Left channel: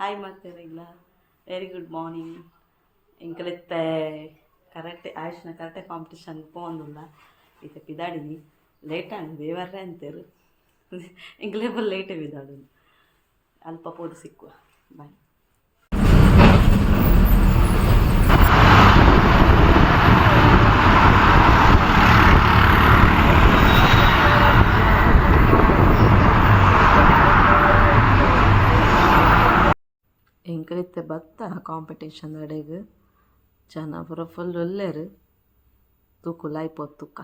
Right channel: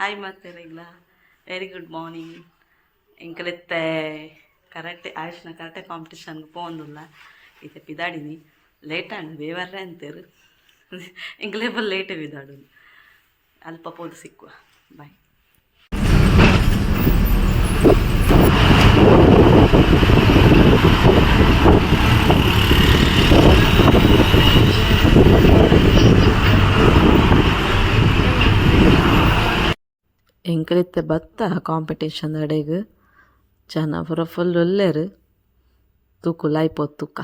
Hi ಮಾತಾಡಿಲ್ಲ. Very good morning. ಇಂಕಲಿತ್ತೆ karate ಆಯುಷ್ನ ಕರಾಟೆ ಕಾಂಪಿಟಿಷನ್ ಪೋಂದುಲ್ಲ ಇತ್ತೆ ಪಿದಾಡಿನಿ ಲೇಟ್ ಆಂಡ್ ಬೇವರ್ರೆ ಅಂತೇರು ಇಂಕಲೇಬಲ್ ಲೇಟೇ ಬಿದಾಡು ಅಲ್ಪ ಪೋದು ಸಿಕ್ಕುವ ಬಾಯ್. ಎಂಕಲಿತ್ತೆ ಬತ್ತ ಕಾಂಪಿಟೇಷನ್ ಅಡೆಗ್ ಜನ ಪೂರ ಫುಲ್ ಒಲ್ಲೆರು ತೂಕು ಲಾಯ್ಪೋದು ತುಕ್ಕ.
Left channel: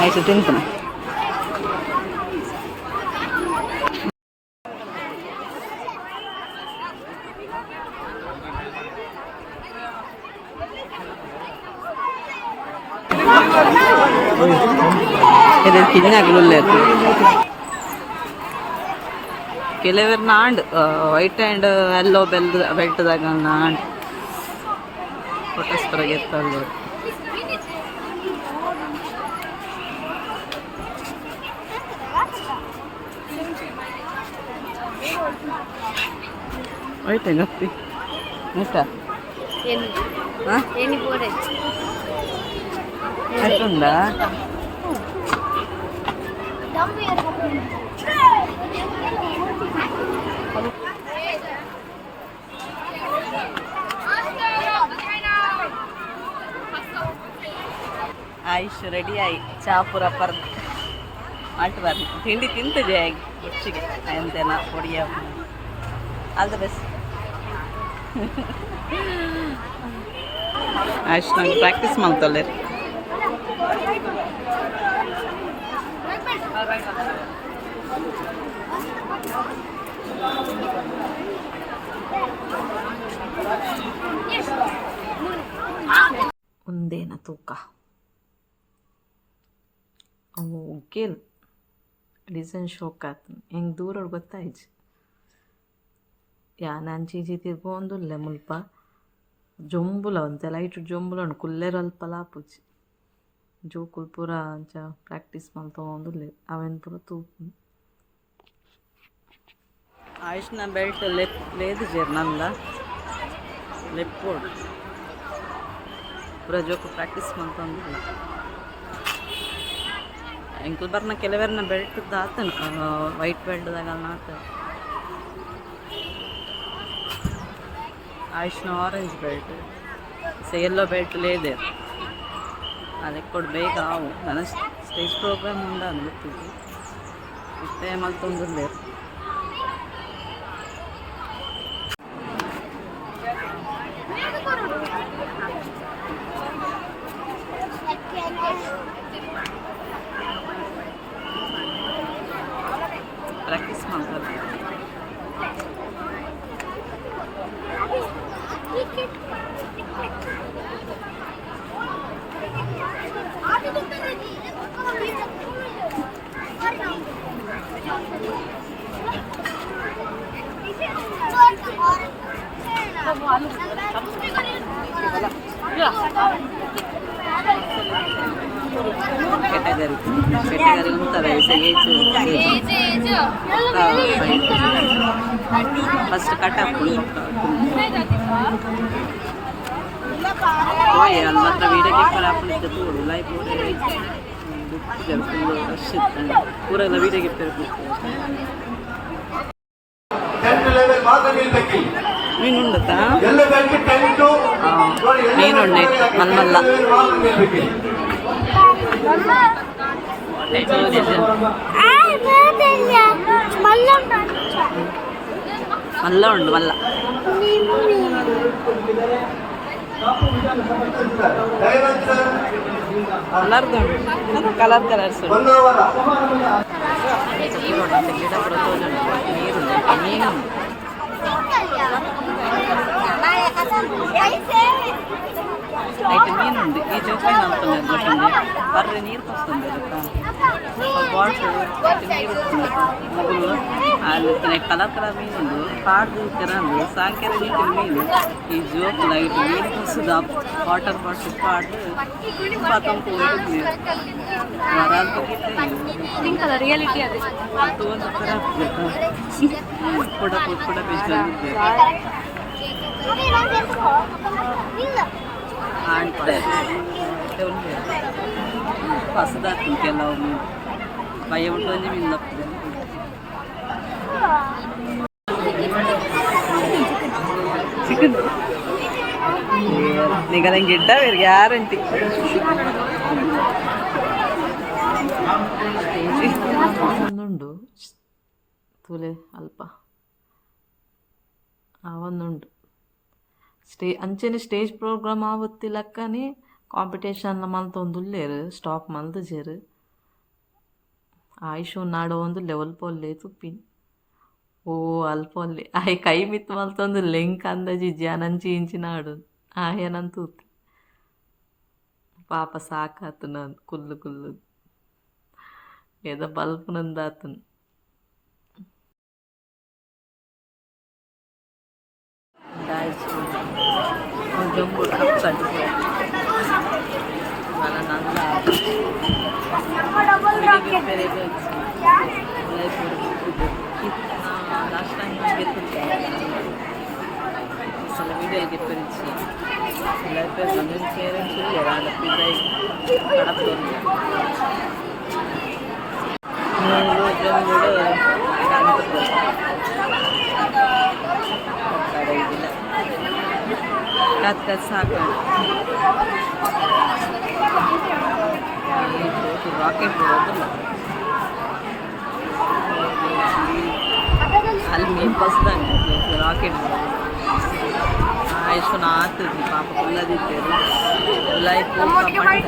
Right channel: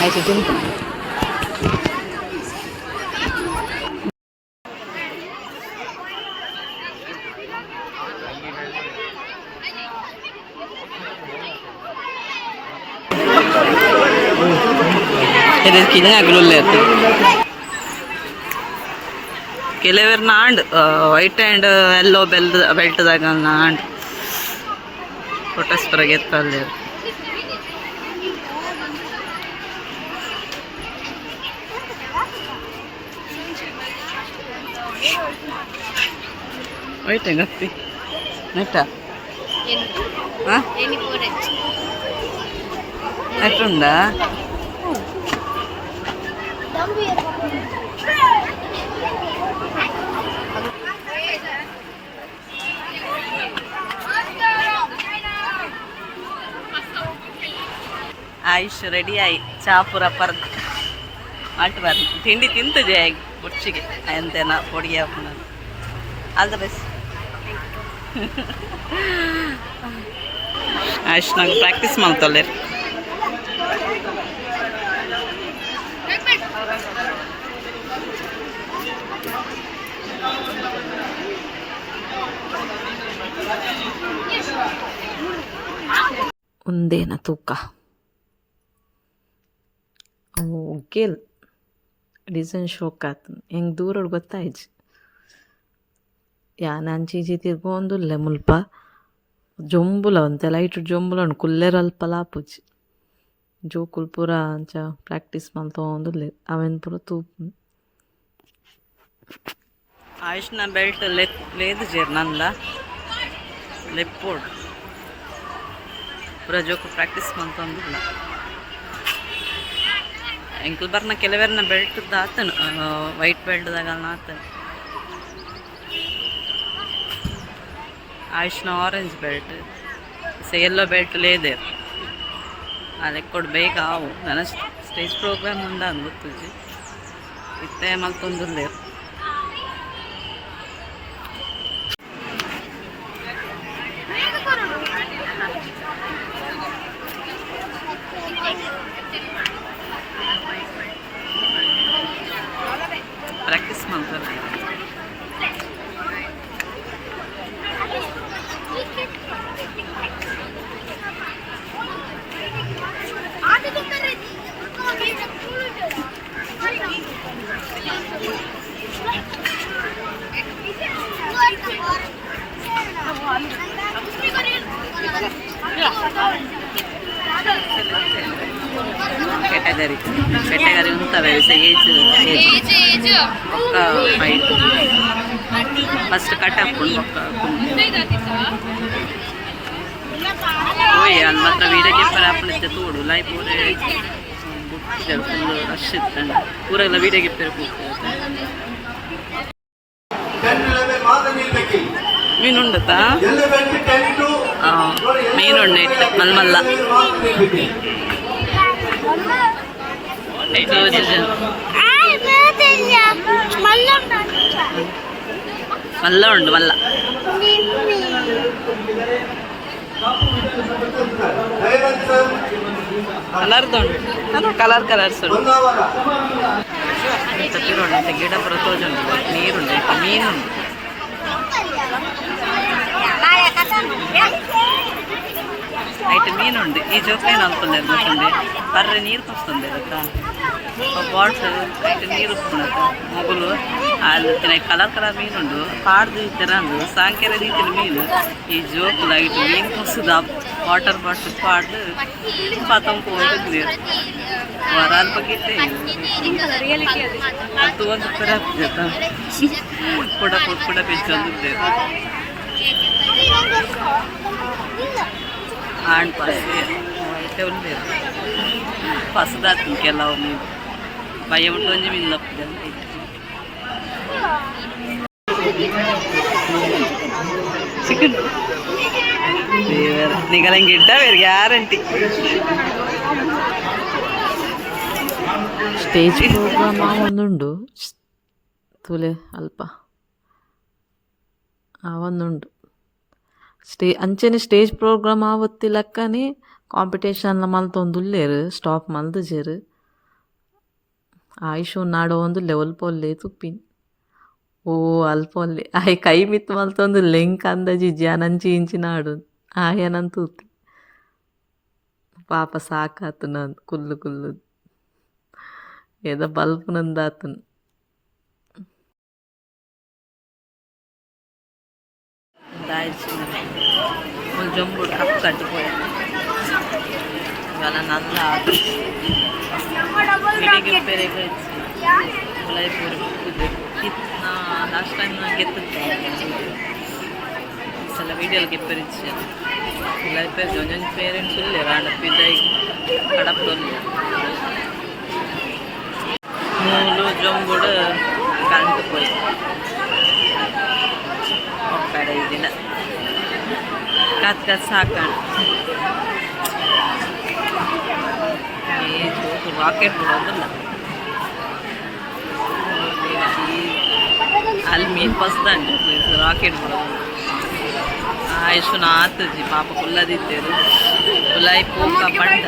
ಆಯ್ತು ತಿಂತೀನಿ. ಇದಕ್ಕೆ ಆಗಲೇ ಕೆಲವರು ನಾಂಡ್ ವೈಟ್ ಆ್ಯಂಡ್ ಎಲ್ಲೋ ಬೆಲ್ಟ್ದಾಗ ನಾಂಡ್ ಫೋಟೋಸ್ಪರಾಗ ಎತ್ತಲ್ಲಿ ವೈಟ್ ಗಪ್ಪಿ ನೆಟ್ಟಾ ನೆಟ್ಟುಂಡಾ ಆಯುಷ್ ರೆಡಿ ಆಯಿ ಚಾಪುರ ಪರ್ದು ಅಲ್ಟ್ ಬರ್ದು ತಿಂಡಿ ತಿಂತು ಜಾಗಿ ಮುಚ್ಚಿಗೆ ಎಂತೇನ ಹೊಡಿಯ ಆಲ್ ದ ಬೆಸ್ಟ್. ಆಯುಷ್ ನಂಗೆ ಪ್ರಾಕ್ಟೀಸ್ ಮಾಡ್ತಲ್ಲೇ ಒಂದೇನ ತೂಕ ಅವು ಒಗ್ಗೇಲ್ ಡಿಸೈನ್ ಶೋಕ್ ಆತು ಹೆಂಗೆ ದೂರ ಗೊತ್ತಾಯ್ತು ನಂಚೀಚಿ ತಿರ್ಗೊಂದುಲ್ಲೆ ಮುಲ್ಪ ಜೊಂಬುಲ ಅಂತೆ ಲೈಟ್ ಜೊಂಬುಲ ಉಂಡು ಕುಲ್ಲೆರಲ್ಪ ಲಾಪುಜಿ ಜೋಕುಲ್ ಪೂರ ಅಂಚ ಪ್ರಾಕ್ಟೀಸ್ ಮಲ್ತೊಂದುಲ್ಲೆ ಅವೆನ್ ಪೂರ ತೂಪು. ಆಯುಷ್ನ ಬೆಲ್ಟ್ ಲೇದು ಜೇರ್ ನಂದ ಲೆಪ್ಪೋಡು ಪೂರ ಜೋಕು ಪ್ರಾಕ್ಟೀಸ್ ಮಲ್ತೊಂದಿಲ್ಲ. ಎಂಕಲ್ ಬರ್ನ ಕೆಲವರ್ನ ಬೆಲ್ಟ್ ಆತನು ವೈಟ್ ಬೆಲ್ಟ್ದಾಗ ಆತನು. ಆಯುಷ್ನ ಆರೆಂಜ್ ಬೆಲ್ಟ್ ಎಲ್ಲೋ ಬೆಲ್ಟ್ ಲೇದೇರು ಅದಕ್ಕೆ ಕೊಡ್ಬೇಕು ಅವು ನನ್ನ ಸ್ಟೇಜ್ ಪ್ರೋಗ್ರಾಮ್ ಉಂಡ ಅಂದು ಗೊತ್ತಿದ್ವಿ ಇತ್ತೆ ಮಲ್ತೊಂದಿಲ್ಲೇರು. ಪ್ರಾಕ್ಟೀಸ್ ಮಾಡ್ತಾರೆ ಕೆಟಗರಿ ಉಂಟವೆ ಏಜ್ ಒಕ್ಕ ಫೈಟ್ ಫಸ್ಟ್ ಕಟ್ ಹಾಕ್ಕೊಂಡು ಒಕ್ಕ ಓಯ್ ಅಲ್ಲಿ ಮಾತ್ರ ವೀಡಿಯೋಗೆ ಪರ ಹಾಕೊಂಡಿದ್ದೆ ತೋಡು ಲೈಫ್ ಅವರೇ ಬುಟ್ಟಿದ್ದಾರೆ ಫುಲ್ ರಶ್ ಇತ್ತಂಡ ಊರೆಲ್ಲ ವೀಡಿಯೋಗೆ ಪೇರು ಕೂಗ್ತಾರೆ. ಮೀನುಂಡತಾ ಮೀನುಂಡೆ ಇಟ್ಟು ಮಲ್ಮಲ್ಲ ಇದು ನಿಜ. ಮಲ್ಲ ಉಂಡು ಮಲ್ಲ. ಕಲರ್ದು ಉಂಟು, ಅದು ಕಲರ್ ಕಲರ್ಸ್ ಉಂಟು. ಗಿಡ ಪುರ ತೋಜುಂಟು, ನೀರುಂಟು, ಮೀನುಂಟು. ಐಟ್ ಮೀನುಂಡು. ಈ ಜೋಕ್ಲೇನು ಅನ್ಕೊಂಡೆ ಗೊತ್ತುಂಡೆ ಬರ್ರೆ ನೀರು ಪಸ್ತುಂದೆ ಗೊತ್ತಾ ಬಾಟ್ಲ್ ಐಟ್ ನೀರು ಉಪ್ಪುಣತ ಮೊಗಲು ಅಲ್ಲಿ ತಿನ್ನ ಕಲರ್ ಕಲರ್ ಮೀನುಂಡು ಪಾಡ್ದು ತೆರಂದು ಸಾಂಕೆರ ರೀತಿಯ ಮೀನು ಈ ಜೋಕುಲು ಐಟ್ ಮೀನು ಪಸ್ತುದ ವಾಟರ್ ಬಾಟ್ಲ್ ಪಾಡ್ದು ಪಾತಂಪು ಹೋಗಿದ್ದೆ ವರಾದ ಬಗ್ಗಿತ್ತೆ ಅದು ಒಂದು ಥರ ಆಗ್ತದೆ ಕೂಡ ಬೆಚ್ಚಂದಿದ್ದೆ ಆಣ್ ಪಸೆ ಉಂಡೆ ಪಸದಾತು ಕೆಲವು ಮೀನು ಭಯ ಉಂಟು ಒಂಜಿ ಮೀನು ತಪ್ಪದೆ ಅಂತ ಚಿಕನ್ ನಿಗಲಂಗೆ ಇಡ್ಡ ಬೇರೆ ಗ್ಯಾರಂಟಿ ಸ್ಟೇಜ್ ಒಂದುಂಡು ತೂಲೆ ಅಲ್ಪ ಒಂದುಂಡು ಅಂಚೆನೆ stage program ಆವತ್ತಿಲಕ್ಕನೆ competition ಮಲ್ತೊಂದುಲ್ಲೇರು stop ಮಲ್ದಜೇರು Ayush ನಾಡೋ ಒಂದು ಲೆವೆಲ್ ಪೊಲ್ಲೆ ತುಪ್ಪಿನ್ ಓ ಅಲ್ಪೊಲ್ಲೆ ಆಯ್ ಕೈ ಮಿತ್ ಮಲ್ತೊಂದು ಲೆಂಕ್ ಅಂದಜಿ ನಂಚಿ ಇಂಚಿ ನಾಡು ಆಯನಂತೂ ಪಾಪ ಸಾಕಾತು ನಾನು ಕುಲ್ಲು ಏದೋ ಬಲ್ಪ್ ನಂದಾತು ಜಂಬುಡು ಕಪ್ಪು ಕಟ್ಟಿపోయా ఇవాళ నల్ల వీడియోకి పెరిగి వచ్చి ఉలైపూరి నా లాస్ట్ టైం నాకు ఎత్తుతా అసలు వీడియోలు ಗೆಪ್ಪರಿచ్ಚಾను ಉಲೈಪೇರಿ ಜೊಂಜೊಂಜಿ ಪೇರೆಂಟ್ಸ್ ಇಲ್ಲೇ ರಾಂಡ ಪಿದಾಯಿ ಕಡಪಲ್ಲಿ ಮೂಲು ಜಂಬುಡು ಕಂಟು పోయి ಒಕ್ಕಡೆ ಇದಿನ ಕತ್ ಸಾಕಣ ಈ ಜೋಕು ರಾಕೆಟ್ ಬಿಡೋದಿಲ್ಲ ಅಲ್ಲಿ ಮೀನು ಪಸ್ದಂಗೆ ರಾಕೆಟ್ ಬಿಡೋದು ಆಯುಷನ ಆತಜಿ ಪಾಪ ಕುಲ್ಲದಿದ್ದೇರು ಉಲಾಯಿ ಪೋಕ ಪಂಡ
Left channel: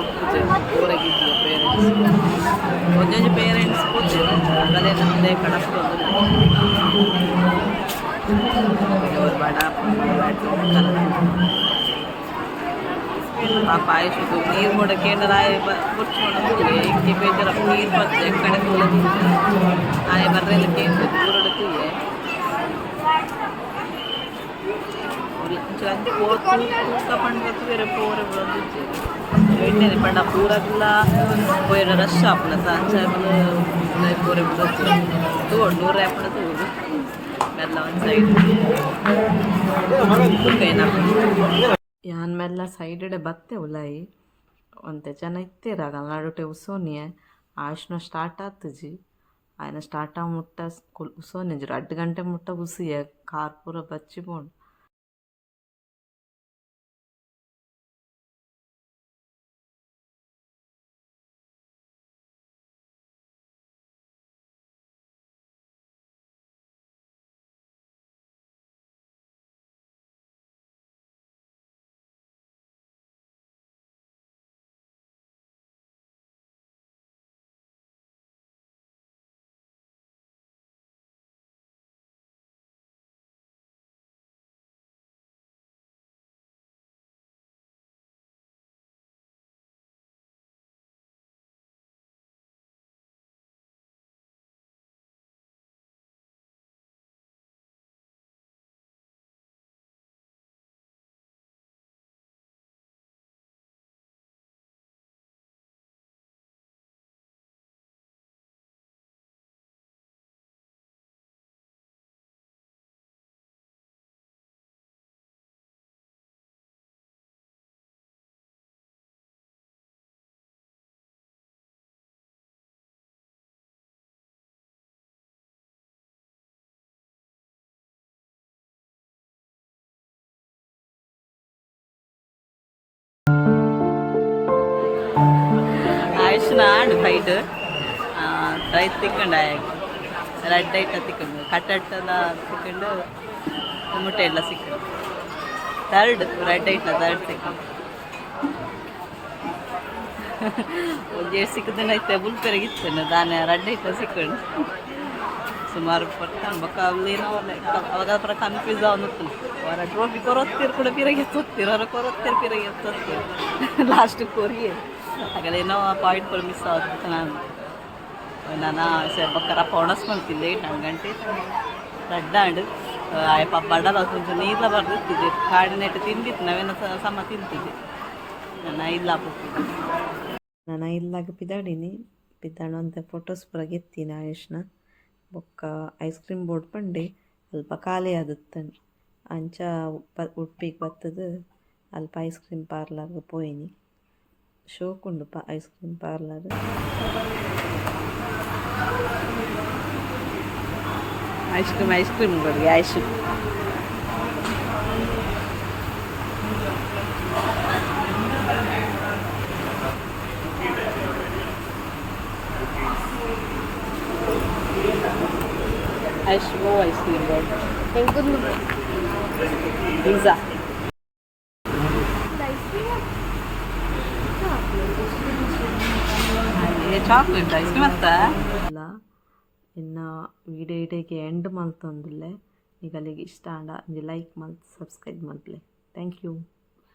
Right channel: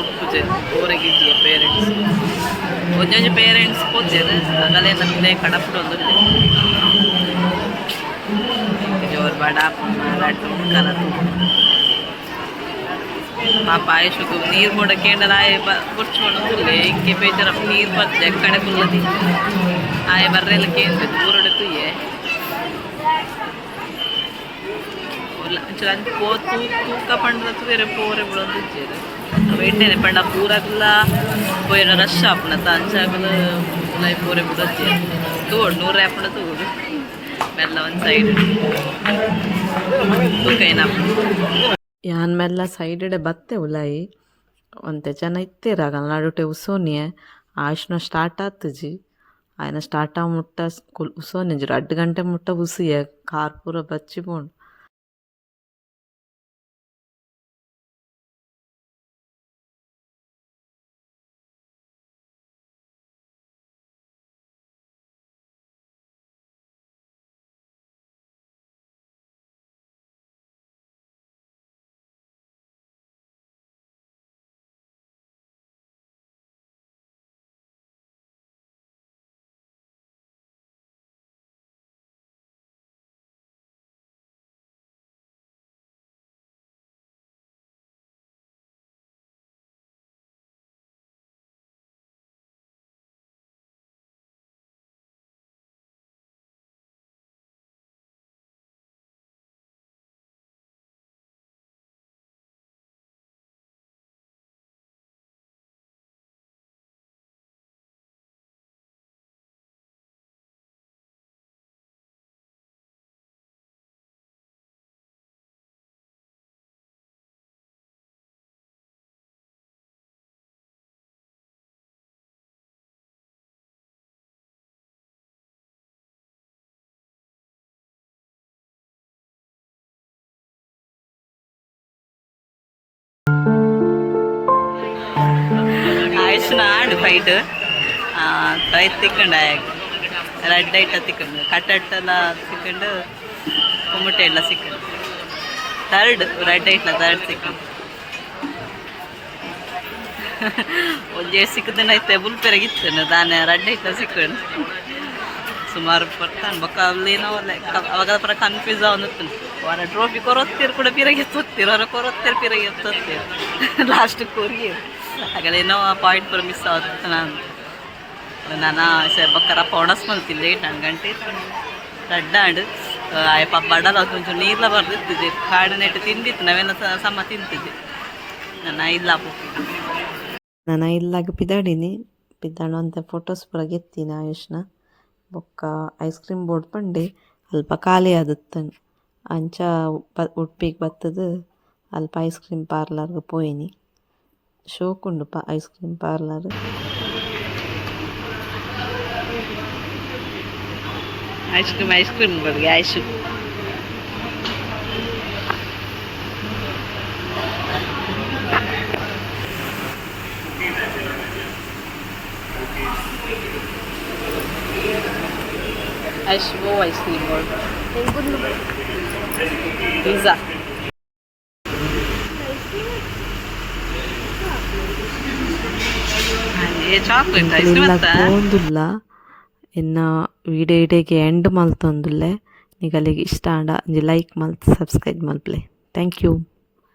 ಉಟ್ಪುಜರು ಊರಗಿಜ್ಜಿಯ ಪೇರೆಂಟ್ಸ್ ಒಂಜೊಂಜಿ ಪೇರೆಂಟ್ಸ್ ಪೋತಿರು ಆಗಲೇ ನಮ್ಮದೇ ಕಡಪಡು ಒಂದು ಜೋರು ಬಡ ಲಡ್ಡು ಕಲದು ಪಾಪ ಆಯುಷకు ನೀರು ಕೂಡ ಕೇಂದ್ರ ಆಯ ಕುರ್ಚ್ಕೊಂಡೊಂದುಲ್ಲೆ ಇಂಕೆ ಬೇಜಾರ ನೀರು ಬರ್ತದೆ ಎಕ್ಕಡೆ ಕುಲ್ಲದಿ ಆಯ ಬರ್ರೆಲ್ಲ ಕೇಂದ್ರ ಊರೊಡೆ ತುಯ್ಯೆ ಅಂಚೆ ತೂಕ ಪಂಡ್ರತ್ತು ಬೇರೆ ಪೋರೆ ಬಿಡೋದು వెంటనే పండ పూరకులా పోయిన రష్ ఆపణ తాంచాకులు ఉలై పోరే బిడొచ్చి తోడు నూరు రేపణ తోడు మెల్ల ಒಂದು ಸೈಡ್ ತೂಕೈನ ಯಾನ್ ಮೆಲ್ಲ ಸೈಡೆ ಬತ್ತೆ ಉಲಾಯಿ ಒಂತೆ ಜನ ಇತ್ತೇರಾಗ ನಾಡುಟೆ ಉಸೋನಿಯೆ ಆಶ್ನ ಸ್ಟಾರ್ಟ್ ಆತಜಿ ఆయన ಸ್ಟಾರ್ಟ್ ಆ ಮುಟ್ಟ ಉಸೋನಿಜರು 2 ಗಂಟೆ ಮುಟ್ಟ ಉಸಿಯೆ ಕಾರ್ ಪೂರ ಬಚ್ಚಿ ಬೋಂಡು ಆಯುಷ್ನ ಆಡು ಫೈಟ್ ಫೈಟ್ ತಿಕ್ಕೊಂಡು ರೆಡ್ ಐಟ ತಿಕ್ಕೊಂಡು ಕಟ್ಟೆಲ್ಲ ತಿಕ್ಕೊಂಡು ಕುಮ್ಮಟೆ ಎಲ್ಲ ಸಿಕ್ಕೊಂಡು ತರ್ಡ್ ರೆಡ್ ಐಟ್ಲ ತರ್ಡ್ ಸಿಕ್ಕೊಂಡು ಒಂದೇ ಸಿಕ್ಕದನ್ನ ಐತೆ ಬುಲ್ಪೆರಗಿತ್ತು ದಾನೆ ರೆಡ್ ಐಟ್ಲ ಸಿಕ್ಕೊಂಡು ಸುಮಾರು ಬರ್ತಾನೆ ಬೊಕ್ಕ ಅಲ್ಲೇನೋ ಅವಾಗ ಪರ ಕನ್ಫ್ಯೂಸ್ ಅವನುತ್ತನು ಅವರ ಟ್ರೋಫಿ ಕೊರೊತ್ತೀರು ಕೂಡ ಪಿರಗಿ ಎತ್ತೊತ್ತೀರು ಅವರ ಕೊರೊತ್ತೀರು ಪಿರಗಿ ಎತ್ತೊತ್ತೀರು ಲಾಸ್ಟ್ ಕೋರಿ ಆಗಲೇನೋ ಪಾಯಿಂಟ್ ಪರ ಮಿಸ್ ಆಗುತ್ತೆ ನಾನು ಬೊಕ್ಕರ ಪೌಣಸ್ ಮಲ್ತಿಲ್ಲ 8 ಗಂಟೆ ರಡ್ಡಾಂಡು ಅಯ್ಯಪ್ಪ ಬಡಲ కొంచెం ನೀರ್ಲ ಬರ್ದಿತ್ತಿದ್ದೆ ಕಾಡು ನೆಟ್ಟು ತಿಂದಿತ್ತು ನಾವೇನೋ ಸಮ ತಿಂತಿದ್ದೆ ನಾನು ಇಲ್ಲ ನಾನು ಇಲ್ಲಾಗ ಪಿದಾಡಿನಿ ಪಿದಾಡು ಅಂತ ಫೋಟೋಸ್ ಪುರ ಗೆತ್ತಿನ ಆಯುಷ್ನ ಬೊಕ್ಕ ಐಸ್ ಕ್ರೀಮ್ ಬೋರ್ಡ್ ಪಂಡೆ ಅಲ್ಪ ಖಾಲಿ ಆದತ್ತನು ಅಂಚ ಉಡುಪಿಗೆ ಬತ್ತದು ಅಲ್ಪ ಐಸ್ ಕ್ರೀಮ್ ಪಾರ್ಲರ್ಗೆ ಪೋಯಿನಿ ಶೋಕುಂಡು ice cream parlour ice cream ಕೊಡ್ಗೆ ice Ashwo ice cream board. Pizza. ये chocolate ice cream आता है. ಒಂದಿಲ್ಲ ಇನ್ನು ವಿಡಿಯೋ ಇಡೆಗೆ ಎಂಡ್ ಮಲ್ತೊಂದುಲ್ಲೆ ನಿಗಲಿಗೆ ಇಷ್ಟ ಆಂಡ ಲೈಕ್ ಮಲ್ತ್ ಸಬ್ಸ್ಕ್ರೈಬ್ ಮಲ್ಪ್ಲೆ ಥ್ಯಾಂಕ್ ಯು.